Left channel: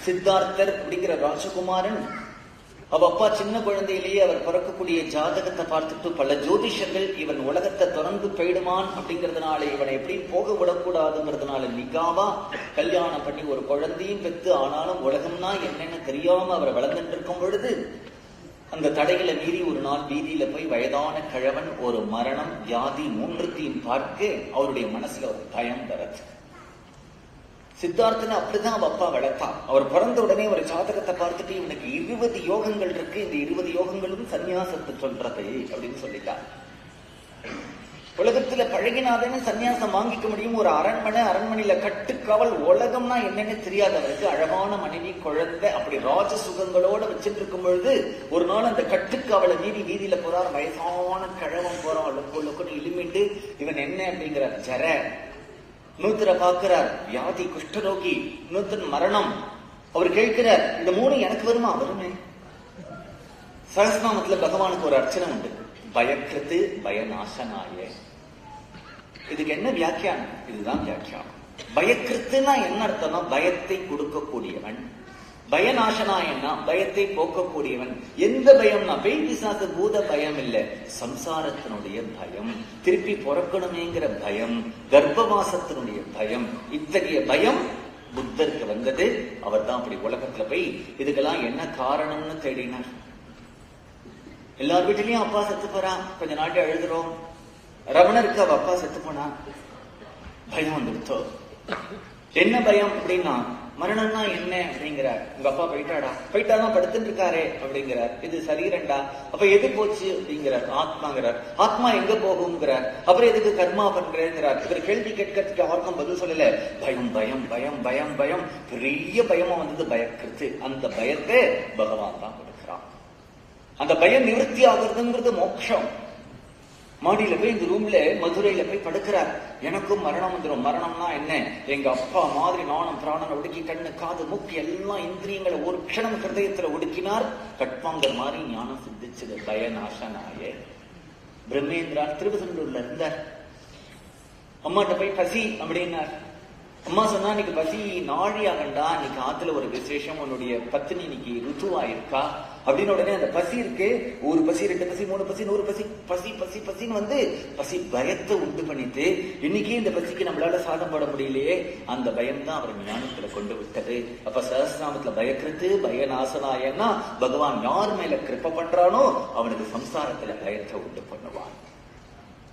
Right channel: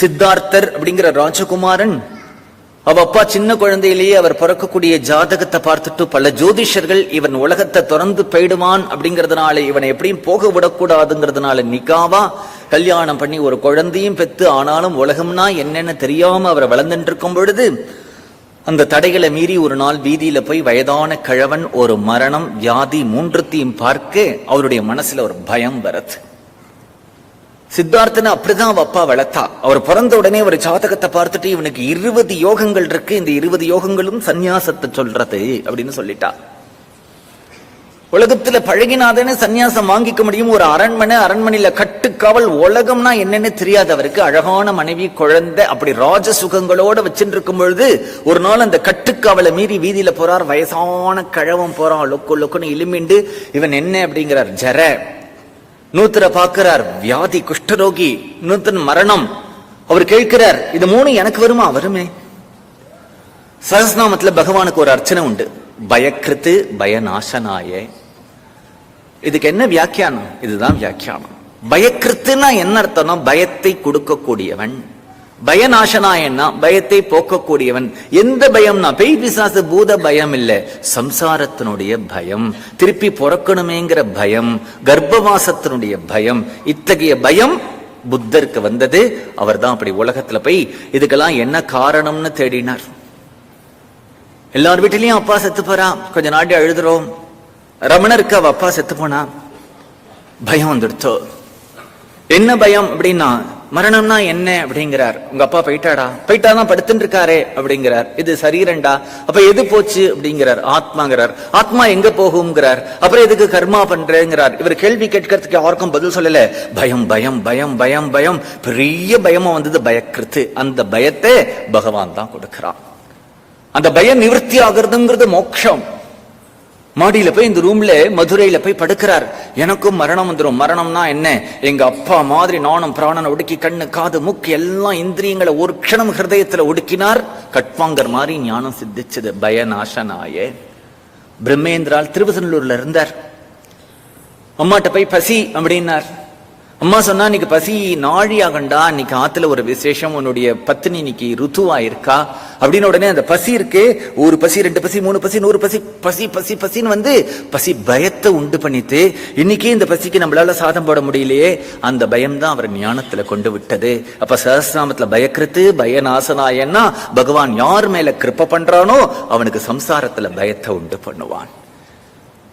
சித்தார்த்தர் அப்படிங்கிற ராஜகுமாரன் அவ அப்பா சின்ன குழந்தையிலேயே அவர் பிறக்கக்கூடிய ஜாதகத்தை பார்த்துட்டு பல ஜோதிஷர்கள் இவன் உலகத்தை திறந்து போயிடுவான் அப்படிங்கறதுனால இவனை எப்படியும் போக விடக்கூடாதுங்கிறதுனால நிகாவா கல்யாணம் பண்ணி ஒரு குழந்தையும் பெத்து ஆனாலும் உலகம்னா என்னன்னு தெரியாம அவர் வளர்ந்துட்டு இருக்கும் பொழுது அந்த தடைகளை மீறி ஒரு நாள் வீதியில போய் வயதான கிழவன் ஒரு மரணம் வியாதி மூன்றுத்தையும் பார்க்க அவருடைய மனசுல ஒரு பயம் வருது. சித்தார்த்தனை அப்படிதான் அவ அப்பா வளர்த்தா. அவர் பிறந்த உடனே ஒரு ஜாதகத்தை பார்த்துட்டு இவனுக்கு இருபது யோகங்கள் இருக்கு. இந்த இருபது யோகங்களும் சந்நியாசத்தை சொல்றது அப்படின்னு சொல்லிட்டா. உலகத்துல பழகினாதானே சந்நியாசம் வாங்கிக்க முடியும். ஒரு அரண்மனை அரண்மனையில கட்டுக்காவல் உலகம்னா என்னன்னு தெரியாது அவருக்கு. அழகான மனைவி குழந்தை அப்படி ராஜ சுகங்களோட வச்சுருக்கும் பொழுது ஒரு நாள் அந்த கட்டுக்காவலை மீறி வீதியில போறார். வயசான கழவம் போறான். லொக்கு லொக்குன்னு இலுமிண்டு இவன் என்ன? அப்படிங்கிறார். ஜர. நூத்தரை பார்க்கிறார் வியாதி குஷ்டரோகி நூத்தன் மரணம். அவர் கேட்கிறார் இது மூணு எனக்கு வருமா? வருமே. சஹஸ்நாமத்துல பகவானுக்கு ஒரு அர்ச்சனை உண்டு. பயக்கிருத்து பயநாசனாய. இதுக்கு என்ன வியாக்கியானம்? இதுதான் வியாக்கியானம். பயக்கிருத்துனா என்ன அர்த்தம்னா பயத்தை கொடுக்கக்கூடியவன். பயநாசனாயன்னா பயத்தை போக்கக்கூடியவன். எந்த பயம்னா பேய் பிசாசு பூத பயம் இல்ல சம்சாரத்தினுடைய பயம். திருப்பி பிறக்கணுமேங்கிற பயம். கர்ப்பவாசத்தினுடைய பயம். இத்தகைய பயம் புத்தருக்கு வந்தது. அவர் தான் அப்படி உலகத்துல போய் இதுக்கெல்லாம் என்ன காரணம்னு தேடினார். எல்லார் வீட்டிலையும் அப்பா செத்து போறா. கொஞ்ச நாட்டி அழுதுறோம். ரமணருக்கு அவ அப்பா செத்து போனா. பயம் வந்துடுத்தோ. என்ன பயம் அப்படின்னா மரணம்னா என்ன அப்படிங்கிறார். உங்க அப்பா போயிட்டாடா. போயிட்டாதான் படுத்துட்டு இருக்காரே அப்படிங்கிறார். இது சரீரண்டா அப்ப எது போச்சு அப்படிங்கிறார். ஆத்மாங்கிறார். ஆத்மா எங்க போகுங்கிறார் அப்புறம் எதுக்கு கர்மா பண்றேங்கிறார். இவர் கேள்வி கேட்கறதுக்கு யாருக்கும் பதில் சொல்லல. பயம் பயம் பயம் பயம் பயம். பெரிய பயமா வந்தது பயக்கிருத்து அந்த பயத்தை பகவான் தான் கொடுக்கிறான். அந்த பயம் நிவர்த்தி ஆகுறதுங்கிறது மோட்சம். மாடியில போய் இந்த ரூம்ல மதுரையில போய் படுக்கிறார். எனக்கும் மரணம் வந்துடும் மரணம்னா என்ன? எங்க அப்பா மாதிரி நானும் பிராணனை ஒடுக்கி கண்ணு காது மூக்கு எல்லாம் இந்திரியங்களை ஒரு க்ஷணம் ஹிருதயத்துல ஒடுக்கினார். கட்வாங்கர் மாதிரி ஞானம் சித்திச்சது பயநாசனாய. பிரம்மேந்திரால் திருவசனூர்ல இருந்தார். அம்மாட்ட போய் பசி அப்படின்னார். அம்மா சொன்னா இன்னைக்கு பசி நாழி ஆகண்டா இன்னைக்கு ஆத்துல ஒரு விசேஷம். உன்னுடைய பத்தினி இன்னைக்கு ருத்துவா இருக்கா அப்படின்னு உடனே அந்த பசி இருக்கு ஒரு பசி ரெண்டு பசி மூணு பசி நூறு பசி பசி பசி பசின்னு வந்து பசி பயத்தை உண்டு பண்ணிட்டு இன்னைக்கு இந்த பசிக்கு நம்மளால சாதம் போட முடியலையே அந்த பயம் தான் அவர் ஞானத்துல கொண்டு விட்டது. அப்ப சஹசிராமத்துல பயக்கிறது பயநாசனாயன்னா பகவான் யார் மேல கிருப்ப பண்றானோ அவனுக்கு சம்சாரத்துல பயத்தை உண்டு பண்ணுவான்.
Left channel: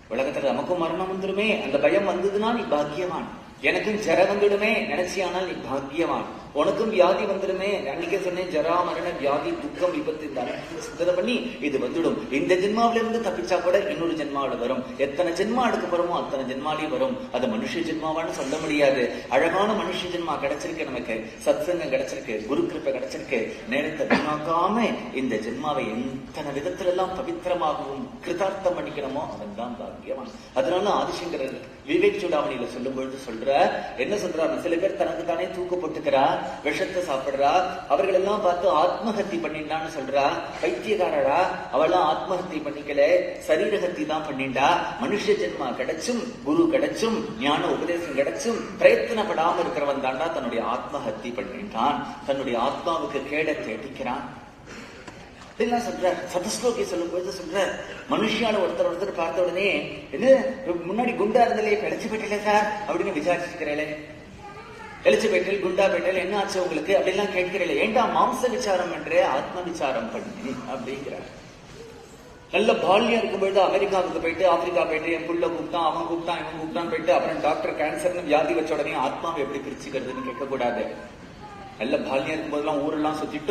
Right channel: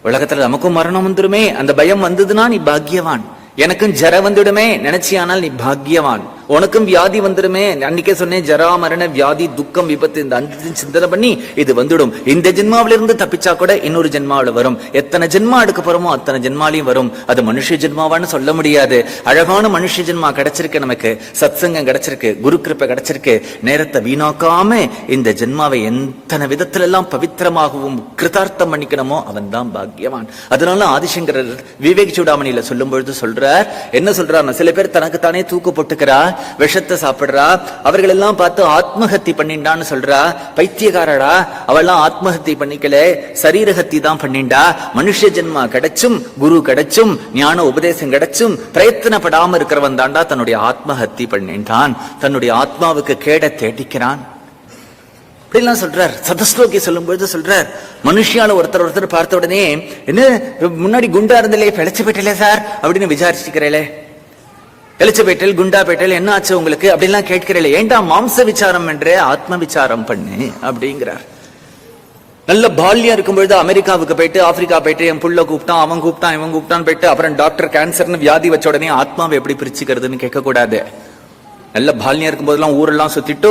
உலகத்துல நமக்கும் மரணம் வந்துடுமே அந்த பயம் வந்ததுன்னா நீ பாக்கியவான். எனக்கும் ஜர வந்துடுமே நினைச்சியானால் நீ பாக்கியவான். உனக்கும் வியாதி வந்துடுமே. அன்னைக்கே சொன்னேன் ஜரா மரண வியாதி துக்கம் விபத்து இந்த அஞ்சு சிந்தனை பண்ணி இது வந்துடும். இந்த ஜென்மாவில இருந்து தப்பிச்சா கூட இன்னொரு ஜென்மாவில வரும். எத்தனை ஜென்மா எடுக்க போறோமோ அத்தனை ஜென்மாலையும் வரும். அது மனுஷ ஜென்மாவான்னு சொல்ல முடியாது. அழகான மனுஷ ஜென்மா கிடைச்சிருக்கு நமக்கு. சத்சங்கம் கிடைச்சிருக்கு குரு கிருப்பை கிடைச்சிருக்கு. நேரத்தை வீணாக்காம இந்த ஜென்மாவை எத்தனை விதத்துல எல்லாம் பவித்திரமாகவும் கிருதார்த்தம் பண்ணிக்கணுமோ அவன் தான் பாக்கியவான். அதனால ஆதிசங்கரர் விவேக் சூடாமணியில சொல்லும் பொழுது சொல்றார் என்ன சொல்றாருன்னா சில பேர் தனக்கு தானே தூக்கு போட்டுக்கிறா விஷத்தை சாப்பிடுறா. அவர்கள் எல்லாம் பார்த்து ஆத்மஹத்தி பண்ணிண்டான்னு சொல்றா. பைத்தியக்காரடா. அவெல்லாம் ஆத்மஹத்தி பண்ணிக்கல. சரீரஹத்தி தான் பண்ணிண்டா. மனுஷ ஜென்மா கிடைச்சும் குரு கிடைச்சும் ஞான உபதேசம் கிடைச்சும் பிரயத்தனப்படாம இருக்கிறவன் தாண்டா தன்னுடைய ஆத்மஹத்தி பண்ணிட்டான் தன்னுடைய ஆத்மாவுக்கு கேட தேடிக்கிறான். அப்படிலாம் சொல்றார். சதஸ்லோகி சொல்லும் பொழுது சொல்றார். மனுஷியால ஒருத்தர் ஒருத்தர் பார்த்த உடனே என்ன முன்னாடி குண்டா இருந்தலே பிழைச்சு போயிட்டலே சார் அப்படின்னு விசாரிச்சுக்கிறேன் எலிச்சபேட்டல் குண்டாபேட்டல் என்ன ஆச்சு உங்களுக்கு? அப்படின்லாம் கேட்கிறீங்களே ஏண்டா மாம்ச விசாரம் என்றே ஆத்ம விசாரம் பண்ணு? அப்படிங்கிறார். நல்ல பால்யா இருக்கும்பொழுது அமெரிக்காவுக்கு போயிட்டு ஆப்பிரிக்கா போயிட்டு என் புள்ள கூப்பிட்டான் அவன் கூப்பிட்டான் இவன் கூப்பிட்டான் போயிட்டு அப்புறம் டாக்டர் கேன்சர்னு வியாதி வச்ச உடனே ஆத்மாவை எப்படி பிரிச்சுக்கிறதுன்னு கேட்க கூடாது நல்ல பால்யா இருக்கும்போதெல்லாம் ஊரெல்லாம் சுத்திட்டு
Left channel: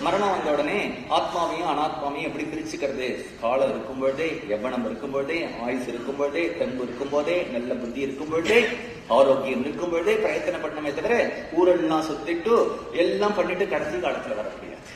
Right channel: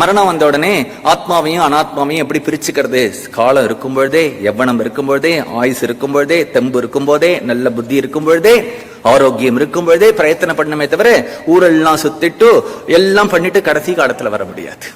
மரணம் வந்த உடனே ஆத்மாவையும் அனாத்மாவையும் எப்படி பிரிச்சுக்கிறது? காலம் இருக்கும் பொழுதே எவ்வனம் இருக்கும் பொழுதே ஆயுஸ் இருக்கும் பொழுதே தெம்பு இருக்கும் போதே நல்ல புத்தி இருக்கும் பொழுதே ஆரோக்கியம் இருக்கும் பொழுதே பிரயத்தனம் பண்ணமே தவிர ஊரெல்லாம் சுத்திட்டு எல்லாம் பண்ணிட்டு கடைசி காலத்துல வர முடியாது.